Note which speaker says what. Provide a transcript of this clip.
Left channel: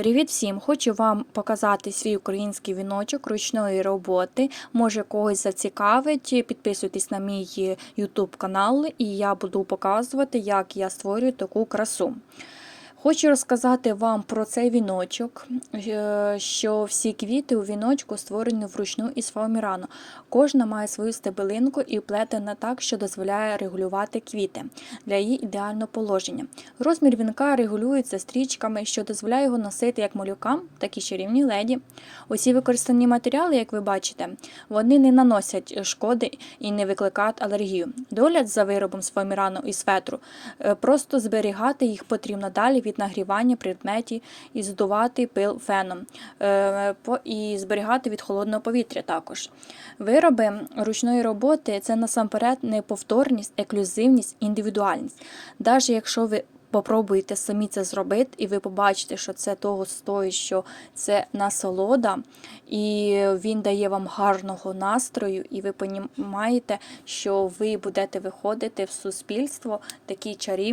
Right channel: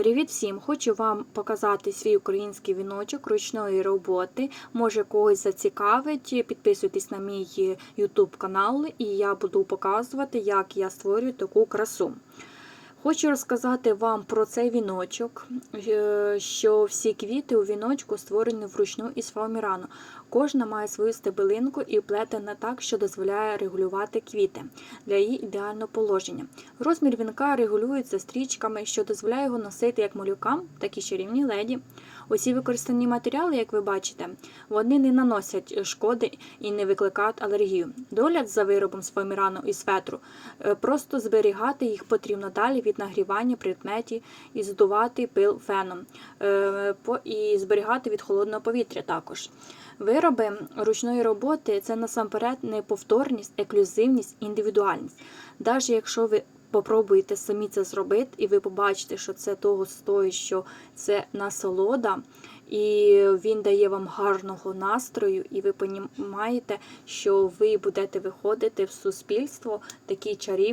Speaker 1: Привіт всім! Хочу вам показати свій український віночок ручної роботи. Може когось зацікавить. Підписуйтесь на мій YouTube канал, і я буду показувати, як я створюю таку красу. Хочу розказати вам про цей віночок, е, що всі квіти у віночку створені вручну із фоамірану. Кожна має свою стебелинку і плетена так, що дозволяє регулювати квіти для її ідеального положення. Розмір вінка регулюється стрічками, що дозволяє його носити як малюкам, так і чарівній леді. Усі використані матеріали, як ви бачите, вони не наносять шкоди і не викликають алергію. Догляд за виробом з фоамірану і светру е, просто зберігати їх потрібно далі від нагрівання предметів і здувати пил феном е, і зберігати від холодного повітря також. Вироби ручної роботи це насамперед неповторність, еклюзивність, індивідуальність. Навіть якщо ви попробуєте самі це зробити, і ви побачите, що це того стоїть, що це насолода, і він дає вам гарного настрою, і ви понімаєте, що ви будете виходити в суспільство такі чарівні.